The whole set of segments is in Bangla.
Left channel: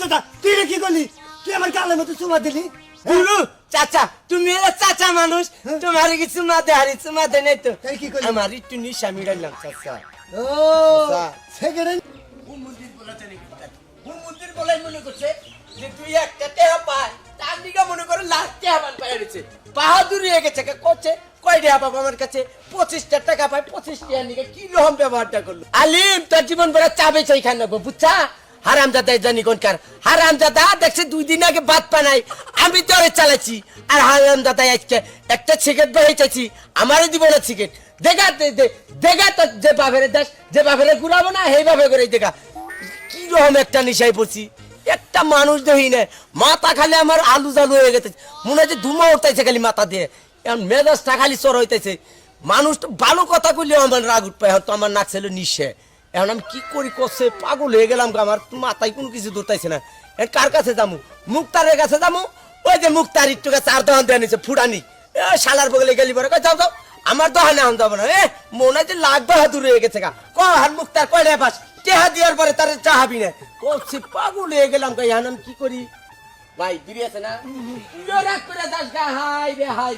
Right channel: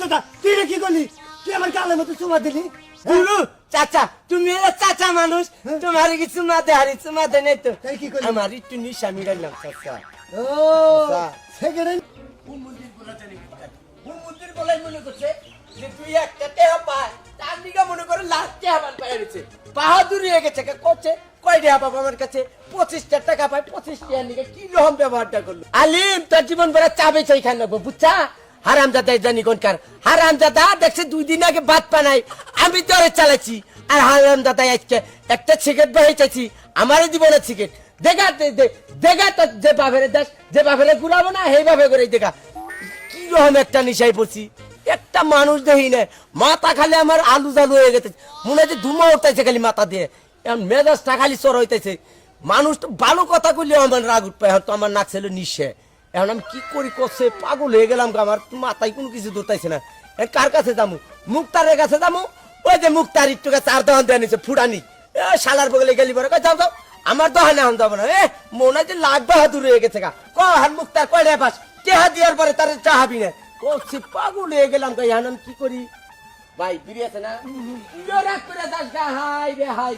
হারামজাদা তুই কি করলি? তুই আমার গালের মতো চুমা দিলি। গুরু চাচা তুমি চাচা মানুষ তোমার কি চুমা দে হারি চুমা দে নাই তো তাই কি করলি? আমার একটু নিশা মিলাইলাম চাচা ও সেকেন্ড হুমুন্দির বলা জানি হুমুন্দির বলাই মনে করছে যে তুই একটা টেহা পায় তার দিকে মনে করে লাখ টেহা বান পাই রয়েছে বাহাদুরি হয়ে গেছে করছে কয় টেহা পাবো আমার কাছে 25 টাকা পায় 25 টাকা নিকে কি রকম ব্যবহারটা করলো আলিম তোর জীবন ভরা চাবে চাই খান নেবো বুঝছা হারামজাদা জানি কোনকার হারামজাদা দেখছে 2 দিন আগে ভাত পানাই আমি তোরে চালাচ্ছি আর হারামজাদা আজকে একটা সিগারেট বাহিয়ে চাইছি আমারও দিব না সিগারেট দেখা তো যে বাপের দেশ যে বাপের ঘুরাবো না সেই বাপে করে দেখা কি রকম একটা নিশায় পড়ছি একটা মানুষ দেখি না মাথা খালি আমার আলু জালু হয়ে গেছে মনে হচ্ছে ধুমা উঠতেছে খালি মাথা দিয়ে এখন মেজাজটা খালি চর হইতেছে মানুষ তো ভালো কথা কইলে আমার রাগ উঠবে এখন তো আমার নাক ছিল নিশে এখন আমি কি করি করছে পাগল হয়ে গেলাম আমার মাথায় কোনো কিছু ধরতেছে না কার কাছে যাবো মুক্তারের কাছে যাবো ওই যে মুক্তার একটু কাছে 4 দহন দেওয়া নিচ্ছে ফুটানি শালার বগলে গেলি পরে যাও যাও আমার দহনে এখন যাবো না মনে হয় যে লাখ বাহাদুর হয়ে গেছে গা হার মুক্তার কয়টা পাস টেহা দেওয়ার পরে তার চাহাবি না করছি পাগল হয়ে গেলাম গাই এখন আমি কি করি ভাই বিড়ি আছে না রাগ করে যাস গা হাই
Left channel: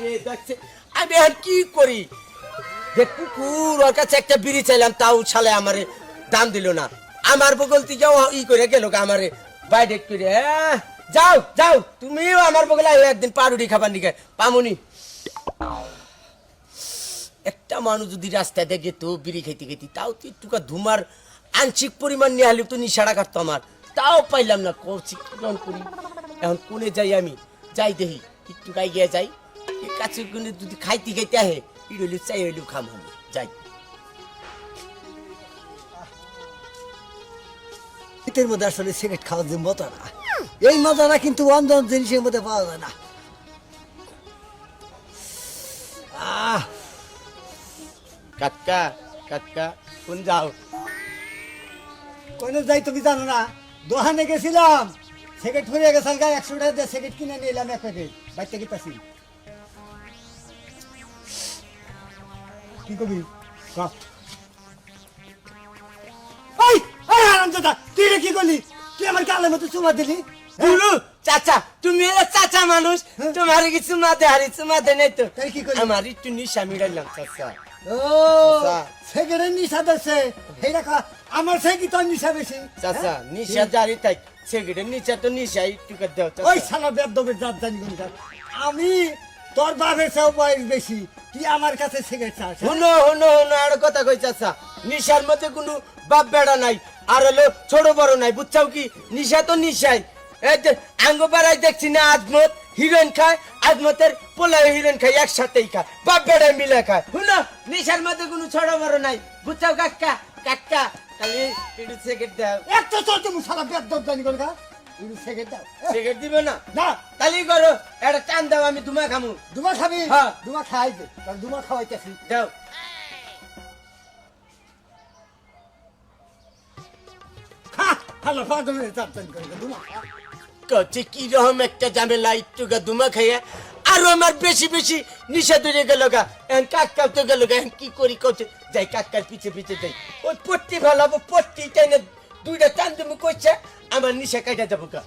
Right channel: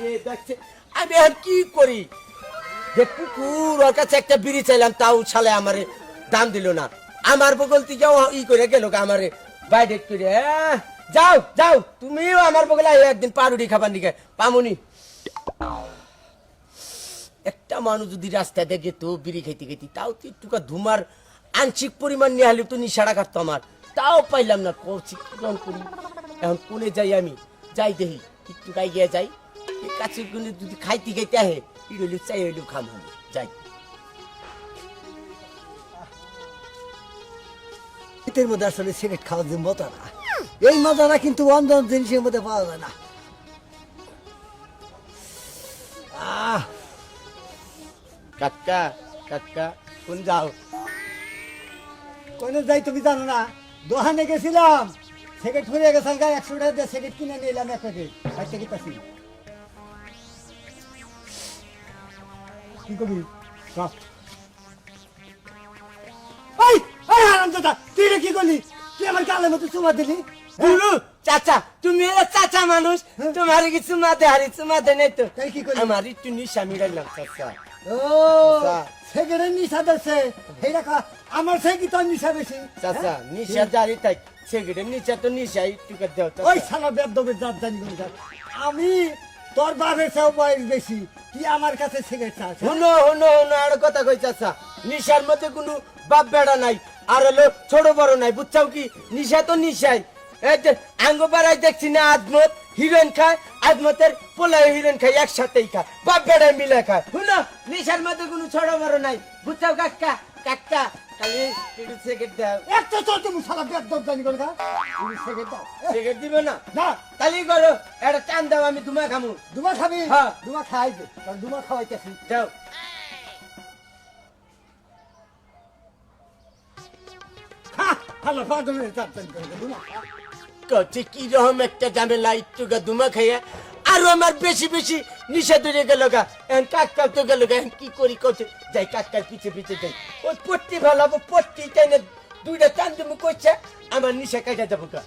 রে দেখছে আমি এখন কি করি যে কুকুর ওর কাছে একটা বিড়ি চাইলাম তাও ছালে আমারে দাম দিল না আমার বগল থেকে ই করে গেল আমারে বাইরে করে যাও যাও তুমিও আমার বগলে একদিন পাউরুটি খাবার নিকে পামুনি একটা মানুষ যদি রাস্তায় দেখে তো বিড়ি খাইতে খাইতে তাও তো একটুকা ধুমার আংশিক পরিমাণ নিয়ে হলে তো নিশাড়া কাটতো আমার তাও পাইলাম না করছি কিরম করি এখন কোনে যাই আমি যাই দেখি একটু গাই গিয়ে যাই কাছে যদি খাইতে খাইতে আহে ইডলি চাই হইলেও খাম আমি যাই শীতের মধ্যে আসলে সিগারেট খাওয়ার যে মজা না এই মজাটা কিন্তু অন্য জিনিসের মধ্যে পাওয়া যায় না। কাকা কাকা কোন যাও কোনে যাই তুমি জানো না দোকানে গেছিলাম সিগারেট ফুরিয়ে গেছে 100 টাকা দিয়ে সিগারেট কিনে নিলাম এক প্যাকেট বাইতে কি পাচ্ছি কি করবি ওই ওই হারামজাদা তুই কি করলি? তুই আমার গালের মতো চুমা দিলি। গুরু চাচা তুমি চাচা মানুষ তোমার কি চুমা দে হারি চুমা দে নাই তো তাই কি করলি? আমার একটু নিশা মিলাইলাম চাচা ও সিগারেট নিশা দিচ্ছে এই রাখা আমার সে কি তোর নিশা বেশি চাচা নিশা জারি থাক সিগারেট নিশা তো নিশা একটু করে দাও ওই চাচা শালা বেদবের জাত জানি কোন আমি তোর বাপের চেয়েও বয়স বেশি তুই আমার কাছে সিগারেট চাস হুনো আর কথা কই চাচা নিশার মধ্যে কোনো বাপ বেড়া নাই আর হলো ছোট বড় নাই বুঝছাও কি নিশা তো নিশাই এই যে আঙ্গ পাড়ায় দেখছি না আজমত হিরোইন খায় আজমতের পোলায় হিরোইন খায় একসাথেই খায় বাপ বেড়ায় মিলে খায় হুনো নিশার মধ্যে কোনো ছোট বড় নাই বুঝছাও কাকা কাকা খালি একটু সিগারেট দাও একটা চল তুমি শালা বেদব জানি কোন তুমি সিগারেট দাও সিগারেট দিবে না না তালি করো একটা টান দাও আমি তোমায় খামু দুমা খাবি হ্যাঁ। দুমা খাই দে কারণ দুমা খাওয়াইতেছি দাও হ্যালো পাগলের জাত জানি কোন দুমা কচ্ছে কি রকম একটা ঝামেলা একটু গা দুমা খাইয়া আরো আমার বেশি বেশি নিশা ধরে গেল গা এখন কাকাও তো গেল গা এখন কি করি করছে যাই কাকার পিছে পিছে যাই ওই পট্টি ভালো পট্টি টেনে 2টা টান তুমি করছে আমার নিশা কাটা যাবো গা